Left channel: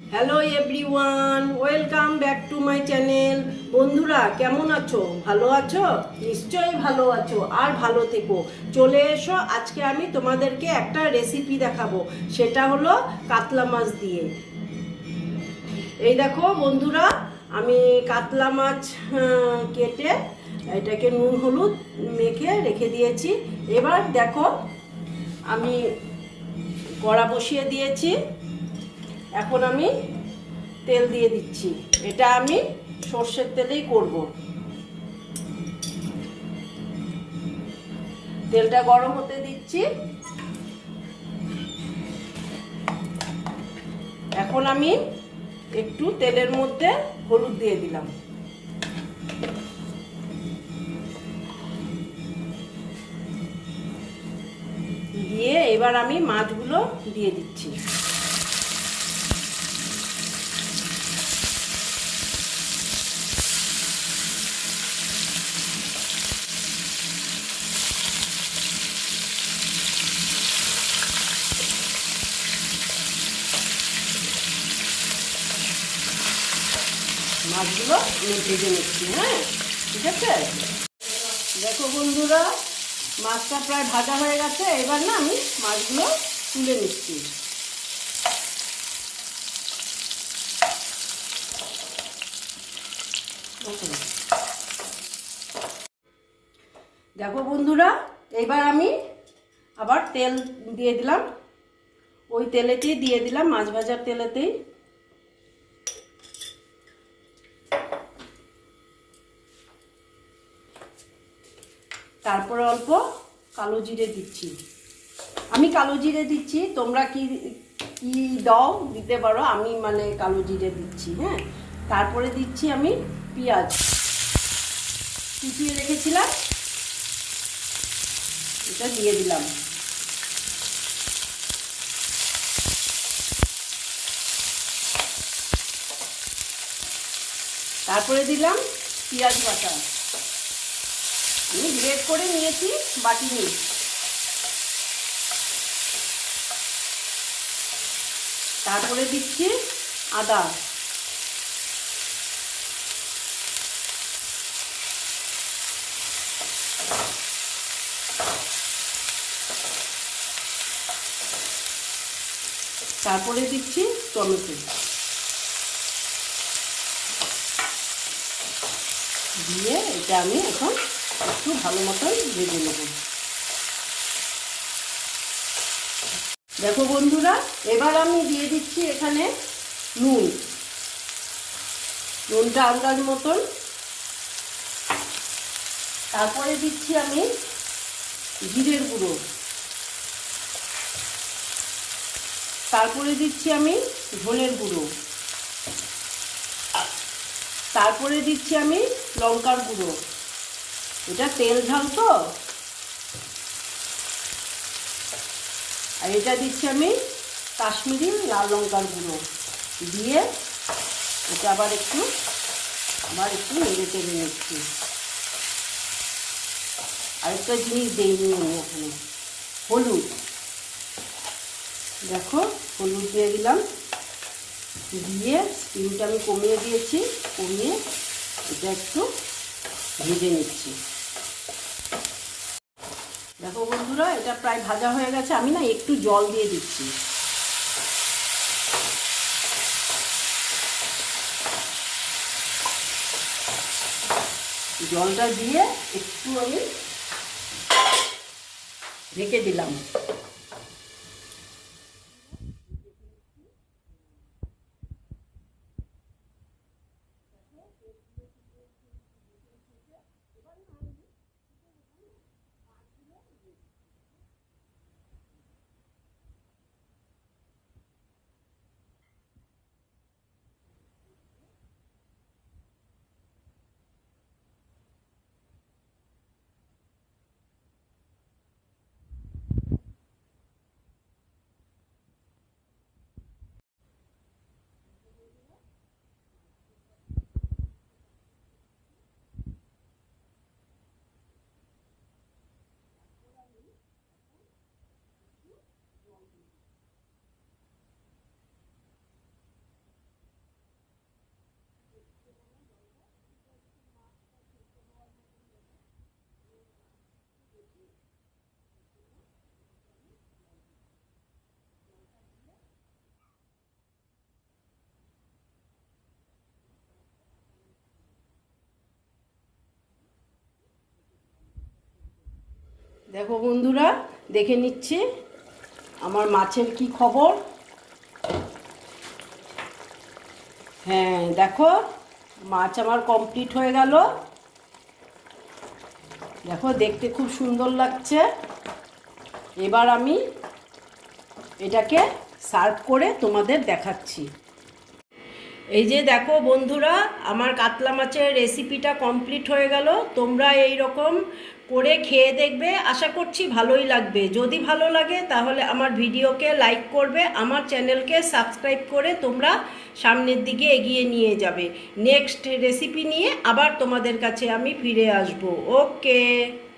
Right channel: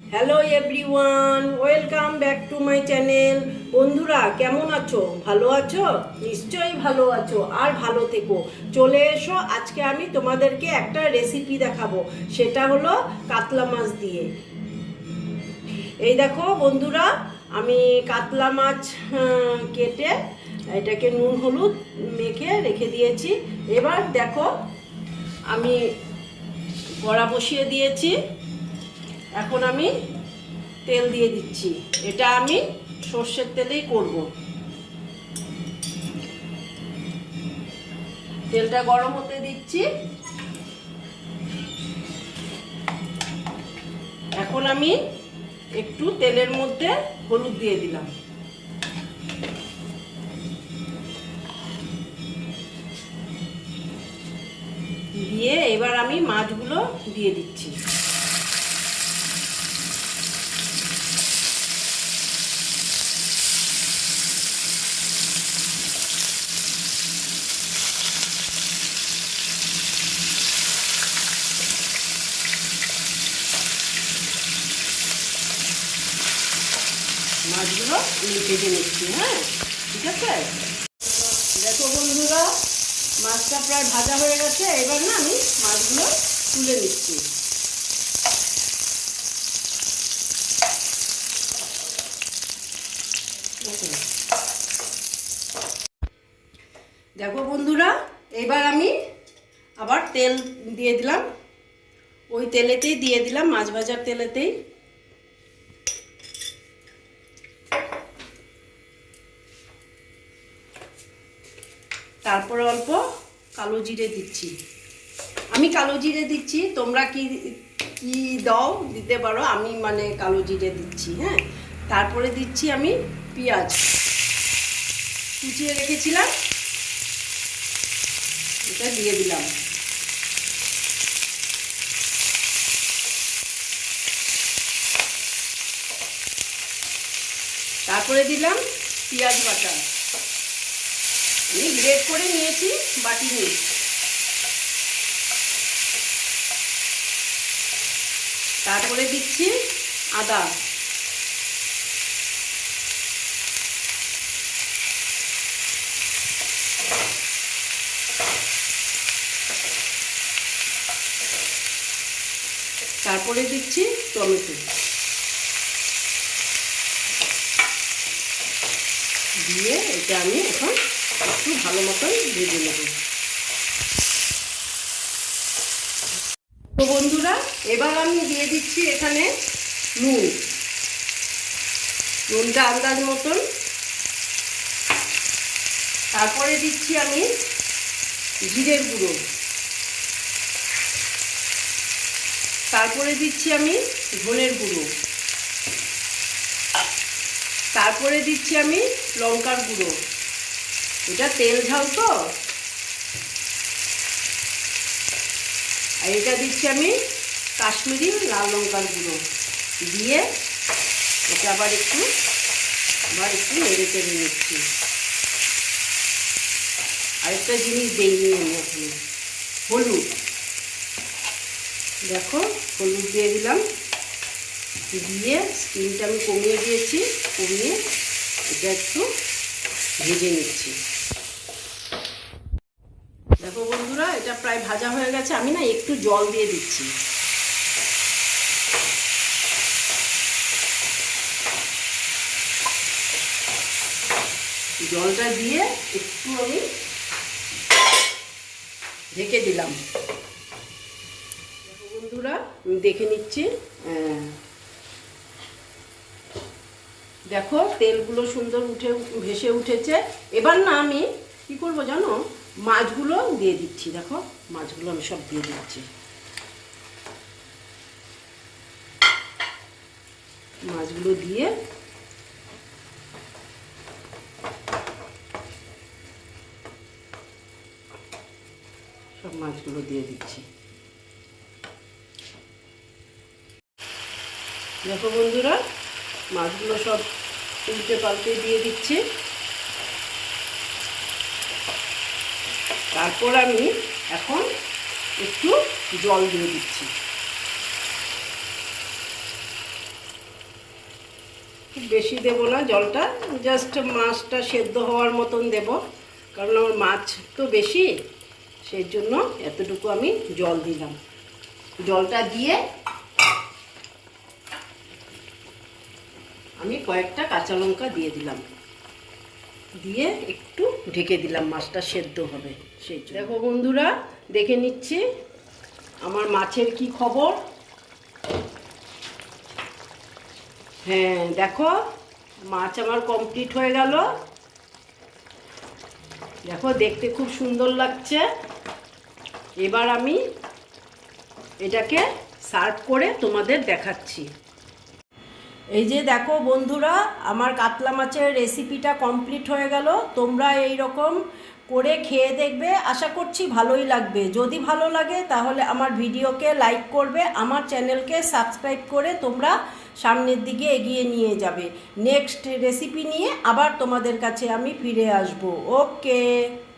Hello everyone welcome back to my channel বন্ধুরা, কেমন আছো? ভালো আছো? নিশ্চয়ই ভালো আছো আর ভালো থেকো। চলে এসো, আজকে আমি তোমাদেরকে একটা রেসিপি দেখাবো। সেটা হলো কাতলা মাছ দিয়ে। এই দেখো বন্ধুরা, আমি কাতলা মাছ কেটে এটাকে নুন, হলুদ মেখে রেখে দিয়েছি। এবার দেখো, আমি কড়া বসিয়ে দিয়েছি। এখন আমি তেল দিয়ে দিচ্ছি। এটা আমি সর্ষের তেলেই করব। তেলটা গরম হতে দিচ্ছি। এখন আমি একটু তেলের মধ্যে হলুদ দিয়ে দিলাম। দিয়ে এবার আমি মাছগুলো দিয়ে দিচ্ছি। মাছগুলো আমি ভেজে নিচ্ছি হ্যাঁ? ঠিক আছে? দেখো বন্ধুরা, মাছটা প্রায় ভাজা হয়ে গেছে, এবার না আমি মাছগুলো তুলে নিচ্ছি। দেখো। দেখো বন্ধুরা, এবার আমি আবার তেল দিয়ে দিলাম। ওই তেলেতেই দিয়ে দিলাম, মাছ ভাজার তেলেতেই। তারপরে অল্প কালো জিরে দিচ্ছি। আমি কালো জিরে দিচ্ছি, তোমরা কি কি দাও, দিতে পারো, আমি মানে কালো জিরে দিচ্ছি হ্যাঁ? তারপরে দিচ্ছি আমি পেঁয়াজ। কুচিয়ে রেখেছিলাম। এটা দিয়ে দিলাম। তারপরে দিলাম পেঁয়াজ বাটা। আমি গ্রেড করে নিয়েছি বাটি নিয়ে। তারপরে দিচ্ছি আদা। তারপরে দিচ্ছি টমেটো। দিয়ে এটা আমি এখন একটু ভালো মতন ভেজে নেব। দেখো বন্ধুরা, এবার আমি দিয়ে দিচ্ছি এখানে নুন। নুনটা আন্দাজ মতন। তারপরে দিচ্ছি আমি জিরের গুঁড়ো। তারপরে দিচ্ছি আমি ধনের গুঁড়ো। তারপরে দিচ্ছি আমি লঙ্কার গুঁড়ো। এটা তেল ঝাল তো। আর এটা দিচ্ছি আমি কাশ্মীরি লাল লঙ্কার গুঁড়ো। দিয়ে এটা আবার একটু আবার একটু নেড়ে চেড়ে নিচ্ছি। আরেকটা জিনিস দেইনি আমি এখানে, হলুদ। দেখো, হলুদ দিয়ে দিলাম। দিয়ে স্কিনটা আমি কমিয়ে দিয়েছি, কমিয়ে এটা একটু ভেজে নিচ্ছি। দেখো বন্ধুরা, এটা প্রায় ভাজা হয়ে গেছে। আমি না একটু জল দিয়ে দিচ্ছি। জলটা দিয়ে একটু আমি ঢেকে দিলাম। বন্ধুরা দেখে নিচ্ছি। হ্যাঁ। দেখো, তেলগুলো সুন্দর উঠে ভেসে উঠেছে। এবার না আমি কি করব জানো? মাছগুলো দিয়ে দিচ্ছি, দেখো, মাছগুলো আমি সব দিয়ে দিচ্ছি। মাছগুলো দিয়ে সব মাছগুলো দিয়ে দিচ্ছি। দেখো বন্ধুরা, মাছগুলো সব উল্টে পাল্টে দিয়ে দিচ্ছি। তারপর আমি এখন একটু জল দিয়ে দিচ্ছি। বেশি দেব না, জলটা জাস্ট মাছটা সেদ্ধ হওয়ার মতন দেব, কারণ আমার মাছ তো বেশি, সেই জন্য এতটুকু আমি জল দিলাম। জলটা দিয়ে আমি কয়েকটা কাঁচা লঙ্কা দিয়ে দিলাম। দিয়ে একটু ঢেকে দিলাম, মাছটা সেদ্ধ হবে, সেই দেখো বন্ধুরা, দেখে নিচ্ছি আমার মাছের কি খবর। হ্যাঁ দেখো, মাছ আমার কমপ্লিট হয়ে গেল। দেখো, দেখতে খুব সুন্দর লাগছে। এবার আমি এটাকে সার্ভ করে তোমাদের দেখাচ্ছি। এই যে দেখো বন্ধুরা, আমার কাতলা মাছের রেসিপিটা কমপ্লিট হয়ে গেল। তোমরা এই রকম করে খেয়ে দেখবে। আশা করছি ভালোই লাগবে। যদি ভালো লাগে, তাহলে আমার ভিডিওকে লাইক করবে, আমার চ্যানেলকে সাবস্ক্রাইব করে তোমরা সামনের দিকে এগিয়ে নিয়ে যাবে। নেক্সট রেসিপি নিয়ে আবার তোমাদের কাছে আমি ফিরে আসব। ওকে